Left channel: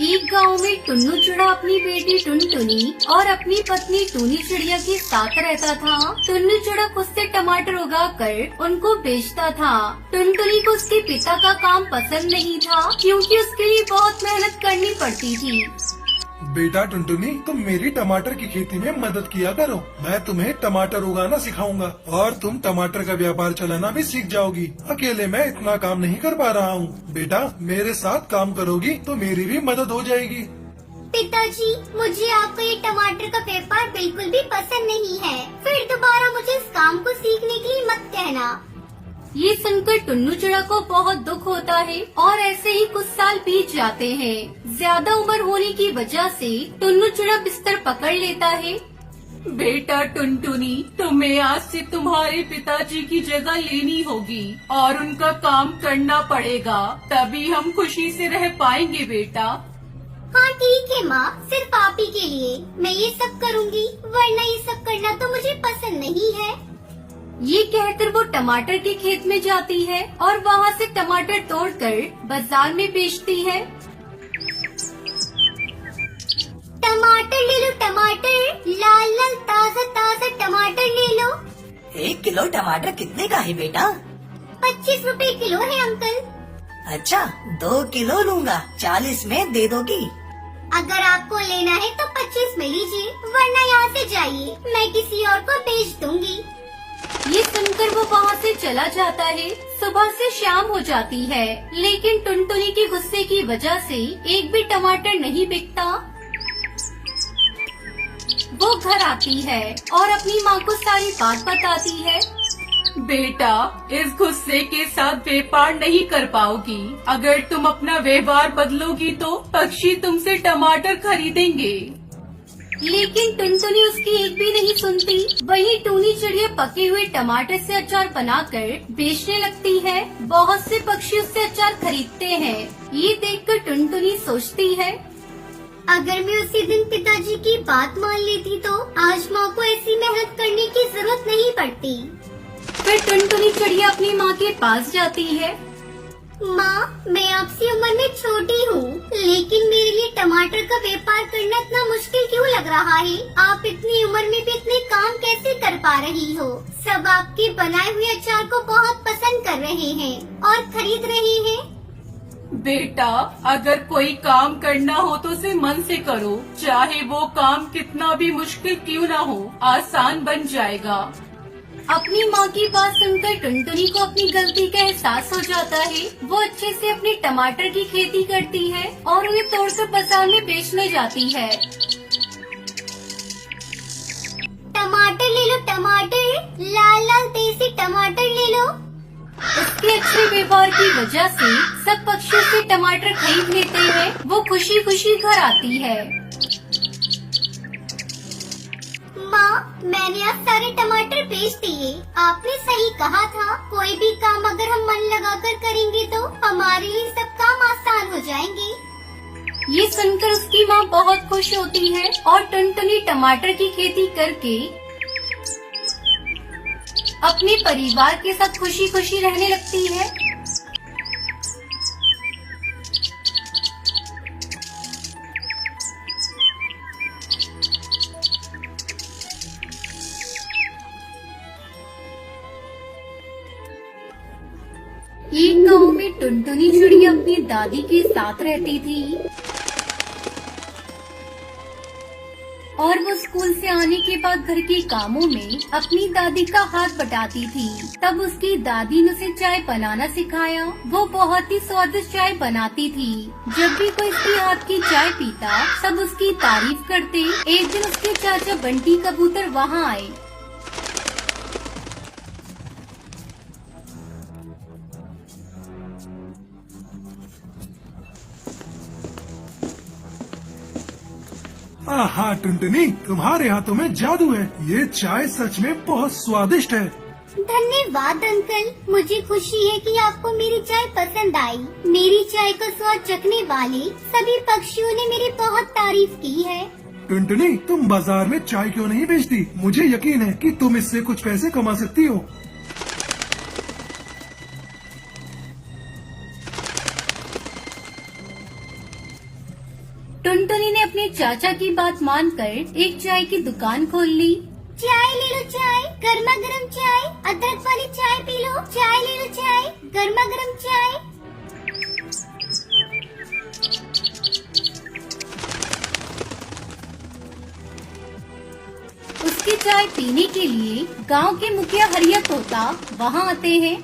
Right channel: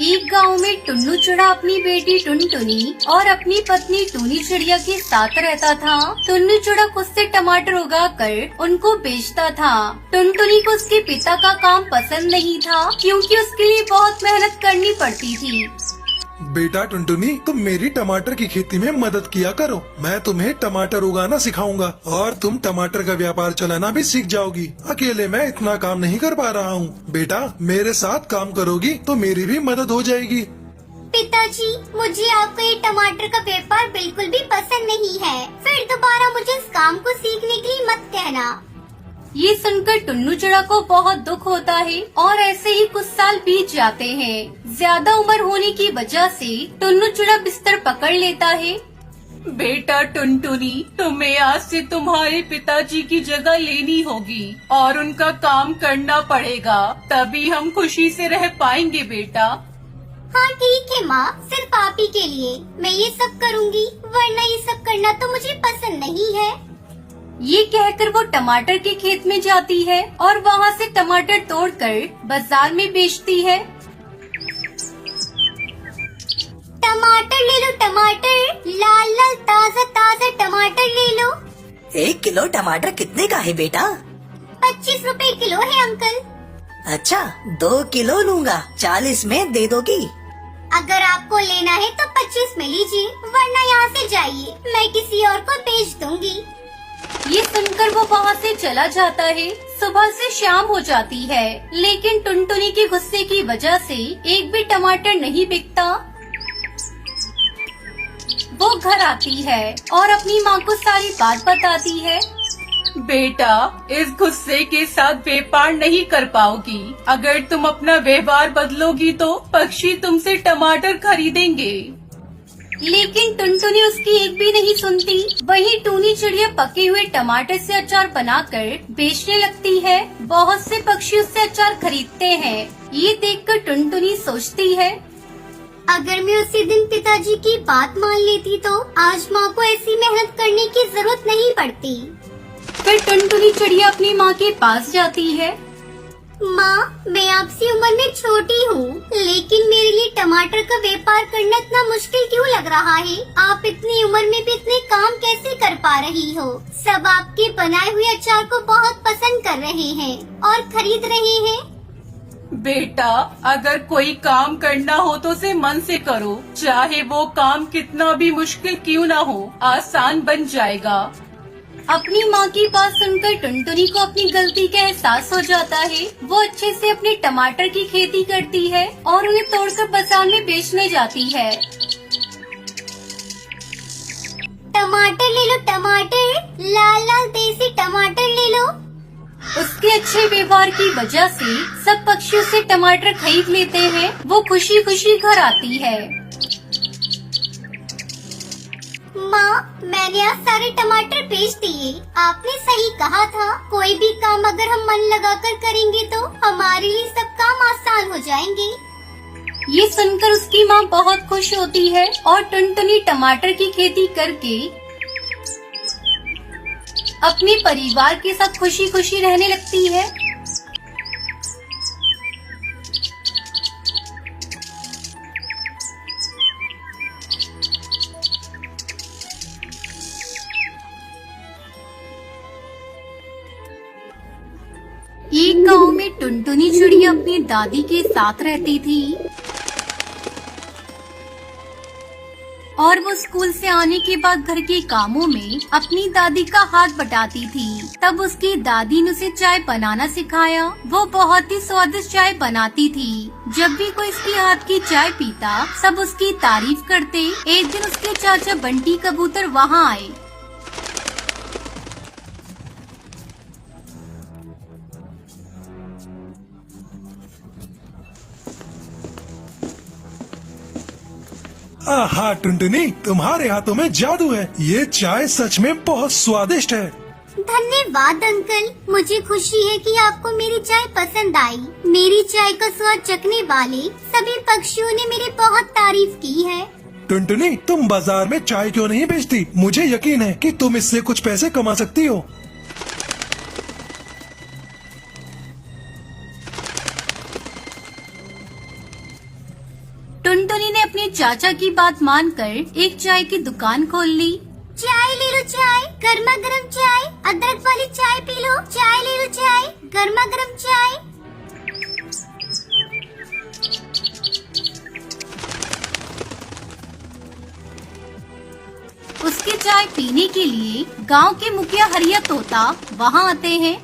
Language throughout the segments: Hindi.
एक गांव में टुन्नू चिड़ा अपनी बेटी टुनटुनी और अपनी पत्नी टूनी चिड़िया के साथ रहता था। टुन्नू चिड़ा खुद से टमाटर उगाकर उनको बेचता था। टुनटुनी को उसके पिता का काम पसंद नहीं था क्योंकि उसके लिए बहुत मेहनत करनी पड़ती थी। बेटा टुनटुनी, तुम मेरी टमाटर की खेती में मदद किया करो। मैं तुम्हें टमाटर उगाना सिखाऊंगा और तुम टमाटर का व्यापार चलाना भी सीख जाओगी। अकेले मैं इतना काम नहीं कर पा रहा हूँ। बेटा, मेरे साथ काम करोगी तो मेरी भी मदद हो जाएगी। पिताजी, मुझे आपका ये टमाटर का व्यापार बिल्कुल भी पसंद नहीं है। फिर दोबारा मुझे इस काम को सीखने के लिए मत कहना। ये सुनकर टुन्नू चिड़ा को बहुत दुख होता है और ऐसे ही कुछ साल बीत जाते हैं। ज्यादा उम्र होने की वजह से टुन्नू चिड़ा बिस्तर पकड़ लेता है। बेटा टुनटुनी, तुम्हें आज से तुम्हारे पिताजी की जगह लेनी होगी और उनका काम करना पड़ेगा, तभी हम खुशी से रह पाएंगे बेटा। हाँ ठीक है माँ, सिर्फ आप ही के लिए मैं ये सब करूँगी, वरना ये सब करना तो मुझे पसंद नहीं है। ये कहकर वो टमाटर के खेत में जाती है और वहाँ से टमाटर तोड़कर बाजार में बेचती है। टमाटर ले लो, टमाटर, लाल लाल ताजा ताजा टमाटर ले लो। 1 किलो टमाटर कितने का है बेटा? 25 रुपए किलो है अंकल। अच्छा, 2 किलो लूँगा, 40 में दे दोगी? अगर आपको लेना है तो 25 में लीजिए, वरना यहाँ से जाइए, मैं किसी और को बेच दूंगी। ये सुनकर वो वहाँ से चला जाता है। सुबह से शाम हो जाती है, लेकिन टुनटुनी के गुस्से की वजह से एक भी टमाटर नहीं बिकता। वो घर आती है और अपनी माँ को सारी बात बताती है। बेटा, इस गुस्से के साथ व्यापार नहीं कर पाओगी। अगर तुम अपना व्यापार बदलोगी तो पक्षी तुमसे टमाटर खरीदेंगे। लेकिन टुनटुनी उसकी एक भी नहीं सुनती। वहीं टूनी चिड़िया पके हुए टमाटर से अचार बनाकर बेचने लगती है। बहुत से पक्षी उससे अचार खरीदते हैं। ये देखकर टुनटुनी सोचती है, अगर मैं उसी दिन पिताजी की बात मान लेती तो आज माँ को ऐसी मेहनत करने की जरूरत नहीं पड़ती। फिर टुनटुनी चिड़िया अपनी माँ के पास जाती है। माँ, मैं आपसी उम्र में छोटी हूँ, लेकिन मेरे लिए टमाटर का व्यापार करना इतना मुश्किल क्यों लग रहा है? आप इतनी उम्र में भी इतने काम कैसे कर पा रही हो? सब आपके बनाए हुए अचार को बहुत पसंद कर रहे हैं और खरीद रहे हैं। बेटा, अगर कोई काम करना हो तो उसे मन से करो, चाहे वो काम कितना भी मुश्किल क्यों ना हो, आसान बन जाएगा। अपनी माँ की बात सुनकर टुनटुनी को अपनी गलती का एहसास हो जाता है। वो अच्छे से अपने टमाटर की खेती करती है और उन्हें तोड़कर बाजार में बेचने जाती है। टमाटर ले लो, टमाटर, लाल लाल देसी टमाटर ले लो। उसके अच्छे व्यवहार की वजह से सब पक्षी उससे टमाटर खरीद लेते हैं। वो खुशी खुशी घर आती है। माँ, मैंने आज सारे टमाटर बेच दिए। आपने सही कहा था, कोई भी काम अगर हम मन लगाकर करेंगे तो हमारे लिए सब काम आसान हो जाएंगे। ये सुनकर उसकी माँ बहुत खुश होती है और टुनटुनी टमाटर की खेती करके अपने परिवार के साथ खुशी खुशी रहने लगती है। एक गांव में टुनटुनी चिड़िया अपनी दादी के साथ रहती थी और वो स्कूल से आने के बाद घर के कामों में अपनी दादी का हाथ बटाती थी। तब उसकी दादी ने उसे चाय बनाना सिखाया। वो बहुत ही स्वादिष्ट चाय बनाती थी। जब भी कोई उसके हाथ की चाय पीता, सब उसकी तारीफ करते। एक दिन उसके चाचा बंटी कबूतर वहाँ आए। आहा टुनटुनी, तुम्हारे हाथों में जादू है। ये चाय सच में बहुत स्वादिष्ट है। धन्यवाद अंकल, मुझे खुशी है कि आपको मेरी चाय पसंद आई। मेरी चाय का स्वाद चखने वाले सभी पक्षियों ने मेरी बहुत तारीफ की है। टुनटुनी, तुम बाजार में चाय क्यों नहीं बेचती? मुझे यकीन है कि तुम इससे कुछ पैसे कमा सकती हो। टुनटुनी ने अपनी चाचा की बात मानकर एक चाय की दुकान खोल ली। चाय ले लो चाय, गर्मा गर्म चाय, अदरक वाली चाय पी लो। चाय ले लो चाय, गर्मा गर्म चाय। उसके चाय पीने के लिए गांव के मुखिया हरिया तोता वहां आते हैं।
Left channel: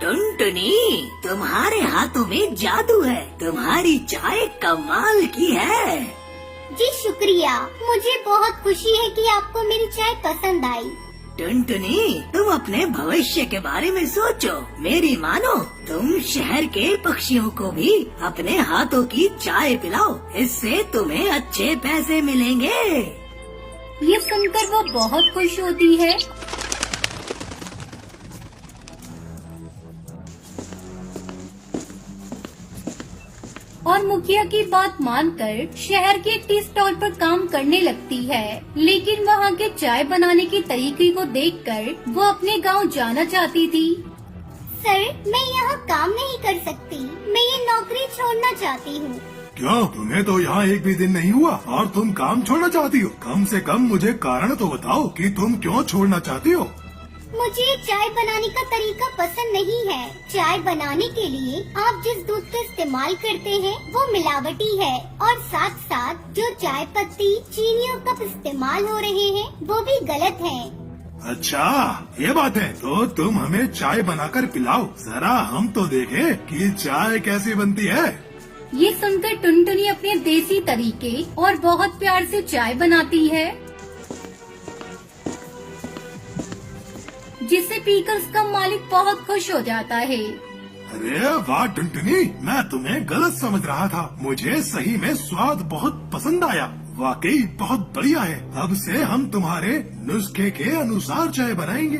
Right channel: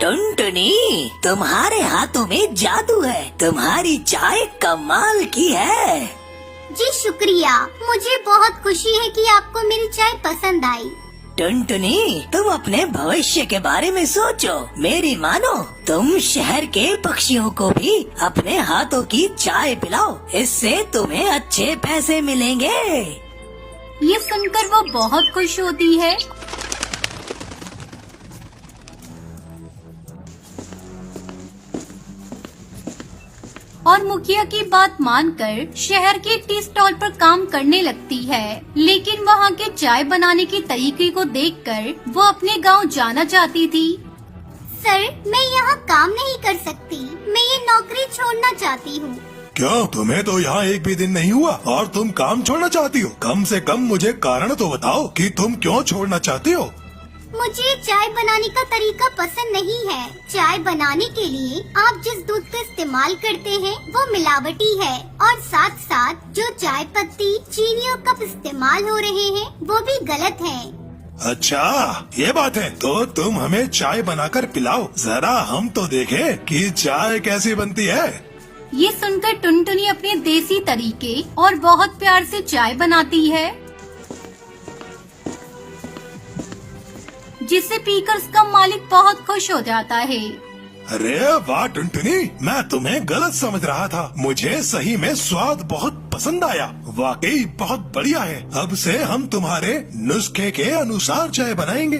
टुनटुनी, तुम्हारे हाथों में जादू है, तुम्हारी चाय कमाल की है। जी शुक्रिया, मुझे बहुत खुशी है कि आपको मेरी चाय पसंद आई। टुनटुनी, तुम अपने भविष्य के बारे में सोचो। मेरी मानो, तुम शहर के पक्षियों को भी अपने हाथों की चाय पिलाओ, इससे तुम्हें अच्छे पैसे मिलेंगे। ये सुनकर वो बहुत खुश होती है। और मुखिया की बात मानकर शहर के टी स्टॉल पर काम करने लगती है। लेकिन वहाँ के चाय बनाने के तरीके को देखकर वो अपने गांव जाना चाहती थी। सर, मैं यहाँ काम नहीं कर सकती, मैं ये नौकरी छोड़ना चाहती हूँ। क्या तुम्हें तो यहाँ एक भी दिन नहीं हुआ और तुम काम छोड़ना चाहती हो? कम से कम मुझे कारण तो बताओ कि तुम क्यों छोड़ना चाहती हो? मुझे चाय बनाने का तरीका पसंद नहीं है। चाय बनाने के लिए आप जिस दूध का इस्तेमाल करते हैं वो मिलावटी है, और साथ साथ जो चाय पत्ती, चीनी और कप इस्तेमाल हो रहे हैं वो भी गलत हैं। अच्छा, ये बात है। तो तुम हमें चाय बनाकर पिलाओ, जरा हम तो देखें कि चाय कैसी बनती है। ये सुनकर टुनटुनी अपने देसी तरीके और बहुत प्यार से चाय बनाती है, जिसे पीकर उसका मालिक बहुत खुश हो जाता है। अरे वाह टुनटुनी, मैं तुम्हें गलत समझ रहा था। मुझे सही में स्वाद बहुत पसंद आया, वाकई बहुत बढ़िया है। अब से हम तुम्हारे नुस्खे के अनुसार चाय बनाएंगे।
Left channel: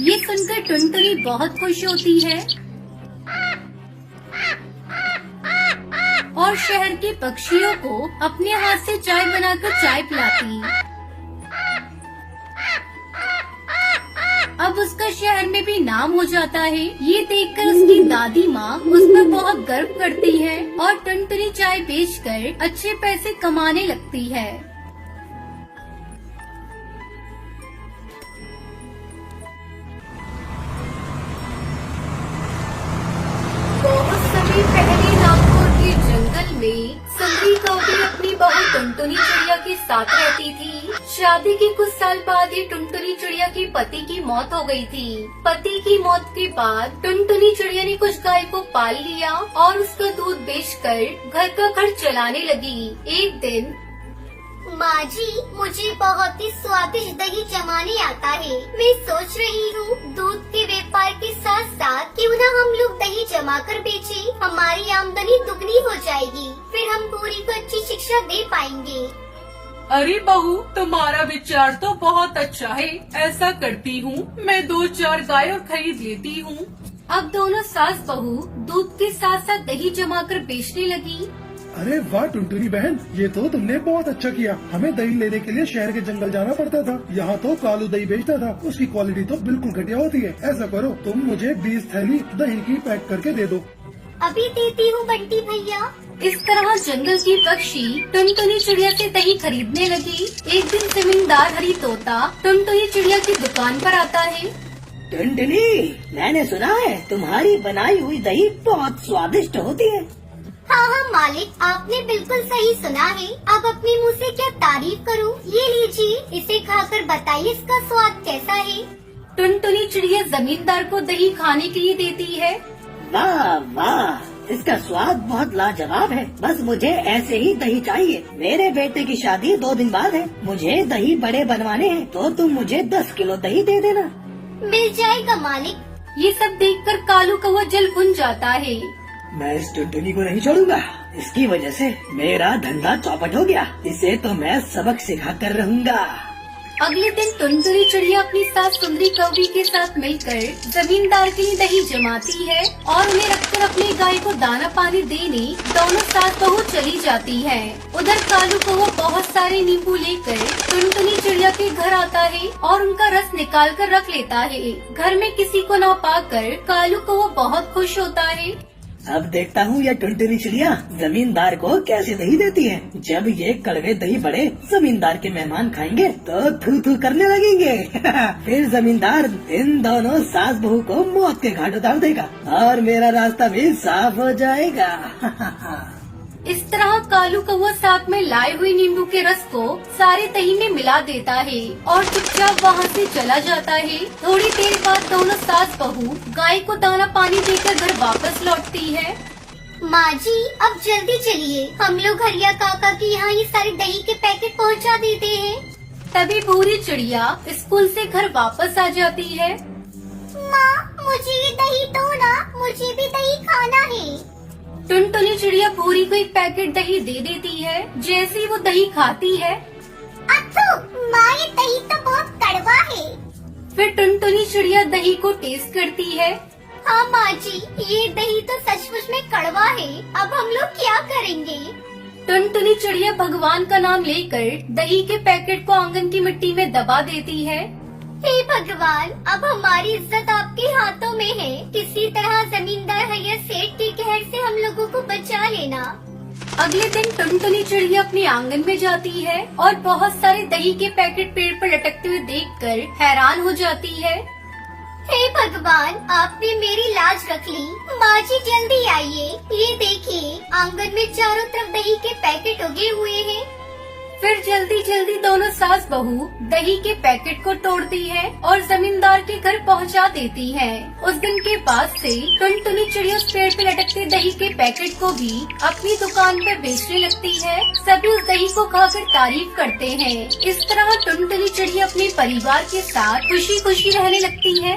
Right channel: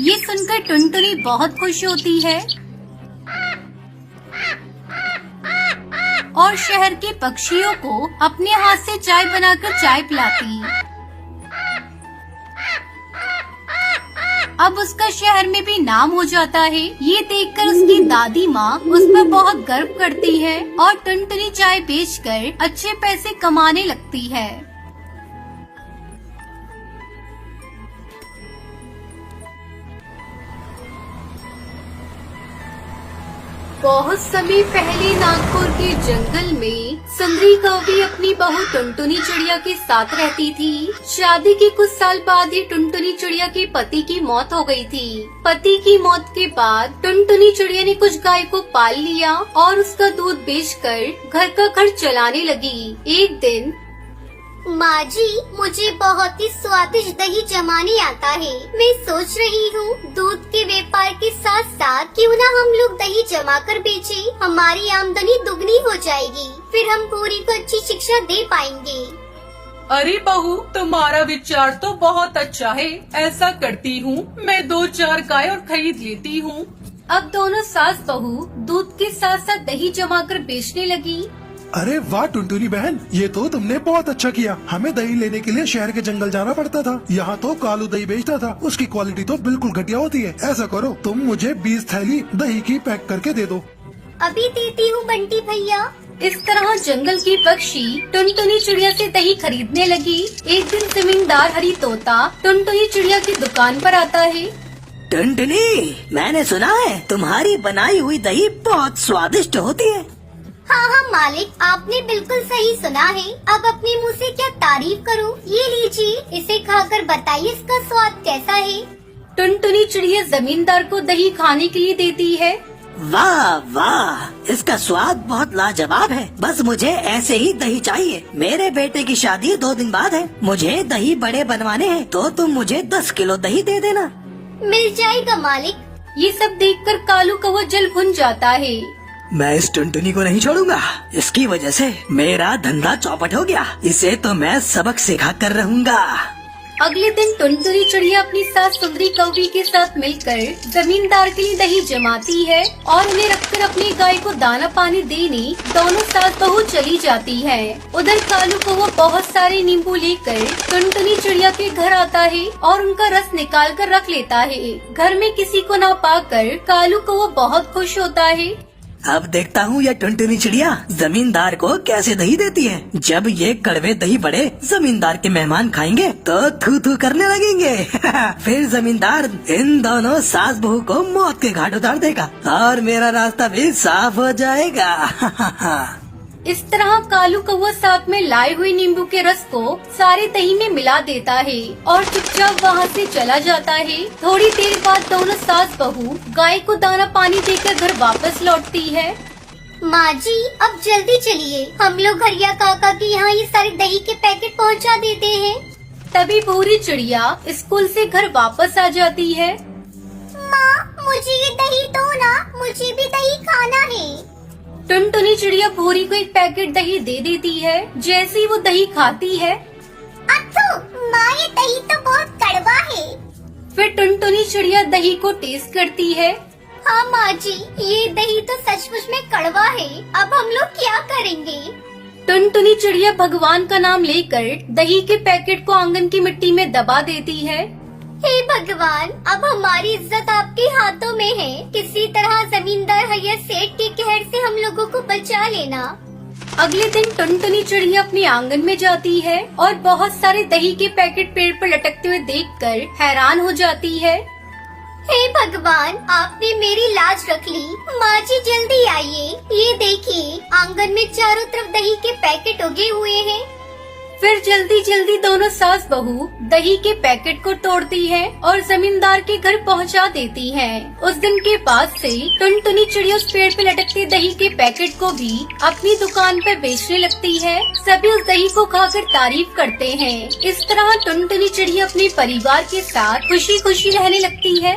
ये सुनकर टुनटुनी बहुत खुश होती है और शहर के पक्षियों को अपने हाथ से चाय बनाकर चाय पिलाती। अब उसका शहर में भी नाम हो जाता है। ये देखकर उसकी दादी माँ उस पर बहुत गर्व करती है और टुनटुनी चाय बेचकर अच्छे पैसे कमाने लगती है। बहुत समय पहले नागपुर के जंगल में सुंदरी कौवी अपनी बहू टुनटुनी चिड़िया के साथ रहती थी। शादी के कुछ साल बाद ही टुनटुनी चिड़िया के पति की मौत हो गई थी। पति की मौत के बाद टुनटुनी चिड़िया ने कुछ गाय को पाल लिया और उसका दूध बेचकर घर का खर्च चलाने लगी। एक दिन, माँ जी, मुझे बहुत ही स्वादिष्ट दही जमाने आता है। मैं सोच रही हूँ दूध के व्यापार के साथ साथ क्यों न हम लोग दही जमा कर बेचें, हमारी आमदनी दुगनी हो जाएगी, फिर हम पूरी को अच्छी शिक्षा दे पाएंगे। अरे बहू, तुम्हारा विचार तो बहुत अच्छा है। ऐसा करती हूँ, मैं 2-4 गाय और खरीद लेती हूँ। अब दोनों सास बहू दूध के साथ साथ दही जमाकर बेचने लगी। अरे वाह टुनटुनी बहन, ये तो तुमने बहुत अच्छा किया। हमें दही लेने के लिए शहर के जंगल जाना पड़ता था। यहाँ तो कालू दही बेचता था, उसकी क्वालिटी तो बिल्कुल घटिया होती है। ऐसा करो, तुम मुझे 20 थैली दही की पैक करके दे दो। अभी देती हूँ बंटी भैया। इस तरह जंगल की पक्षी टुनटुनी चिड़िया से दही खरीदने लगी। एक दिन जमींदार हरी तोता टुनटुनी चिड़िया की दुकान पर आता है। टुनटुनी, मैंने सुना है तुम्हारी बनाई हुई दही बहुत स्वादिष्ट होती है। हाँ हाँ मालिक, आपने बिल्कुल सही सुना है। अब अपने मुंह से क्या तारीफ करूँ। ये लीजिए, इसे खाकर बताइए इसका स्वाद कैसा है। टुनटुनी चिड़िया जमींदार को दही खाने के लिए देती है। वाह वाह, इसका स्वाद बहुत लाजवाब है। बस मुझे ऐसे ही दही चाहिए। मेरे बेटे की शादी 2 दिन बाद है, मुझे दही बड़े बनवाने हैं, तो तुम मुझे 10 किलो दही दे देना। मिल जाएगा मालिक। ये सब देखकर कालू कौवा जल भुन जाता है। मैं इस टुनटुनी को नहीं छोड़ूंगा। इसकी वजह से मेरा धंधा चौपट हो गया। इसे तो मैं सबक सिखा कर रहूंगा। अगले दिन टुनटुनी चिड़िया अपनी सास सुंदरी कौवी के साथ मिलकर जमींदार के लिए दही जमाती है और उन्हें रखकर अपनी गाय को दाना पानी देने दोनों सास बहू चली जाती है। उधर कालू कौवा बहुत सारे नींबू लेकर टुनटुनी चिड़िया के घर आता है और उनका रस निकाल कर रख लेता है। घर में किसी को ना पाकर कालू कौवा बहुत खुश होता है। अब देखता हूँ यह टुनटुनी चिड़िया जमींदार को कैसे दही देती है। जब ये कड़वे दही बड़े जमींदार के मेहमान खाएंगे तो थू थू करने लगेंगे। फिर जमींदार इन दोनों सास बहू को मौत के घाट उतार देगा और मेरा रास्ता भी साफ हो जाएगा। इस तरह कालू कौवा साथ में लाए हुए नींबू के रस को सारे दही में मिला देता है और चुपचाप वहाँ से चला जाता है। थोड़ी देर बाद दोनों सास बहू गाय को दाना पानी देकर घर वापस लौटती है। माँ जी अब जल्दी चलिए, हम लोग हरिया काका के यहाँ ये सारे दही के पैकेट पहुँचा देते हैं। तभी भूरी चिड़िया स्कूल से घर वापस आ जाती है। माँ मुझे ये दही दो ना, मुझे भी दही खाना है। टुनटुनी चिड़िया भूरी को एक पैकेट दही दे देती है। जैसे ही वो दही खाती है अथु, माँ ये दही तो बहुत कड़वा है। फिर टुनटुनी चिड़िया दही को टेस्ट करती है। हाँ माँ जी, ये दही तो सचमुच में कड़वा है। अब हम लोग क्या करेंगे? टुनटुनी चिड़िया भगवान का नाम लेकर दही के पैकेट को आंगन की मिट्टी में दबा देती है। हे भगवान, अब हमारी इज्जत आपके हाथों में है। किसी तरह जमींदार भैया सेठ के कहर से हम लोगों को बचा लेना। अगले दिन टुनटुनी चिड़िया अपने आंगन में जाती है और बहुत सारे दही के पैकेट पेड़ पर लटकते हुए देखकर हैरान हो जाती है। हे भगवान, आपने मेरी लाज रख ली। माँ जी जल्दी आइए, ये देखिए आंगन में चारों तरफ दही के पैकेट उगे हुए हैं। फिर जल्दी जल्दी दोनों सास बहू दही के पैकेट को तोड़ती है और जमींदार के घर पहुंचा देती है। उस दिन के बाद से टुनटुनी चिड़िया उस पेड़ पे लटकते दही के पैकेट को भी अपनी दुकान पर बेचने लगती है। सभी उस दही को खाकर तारीफ करते हैं। इस तरह टुनटुनी चिड़िया अपने परिवार के साथ खुशी खुशी रहने लगती है।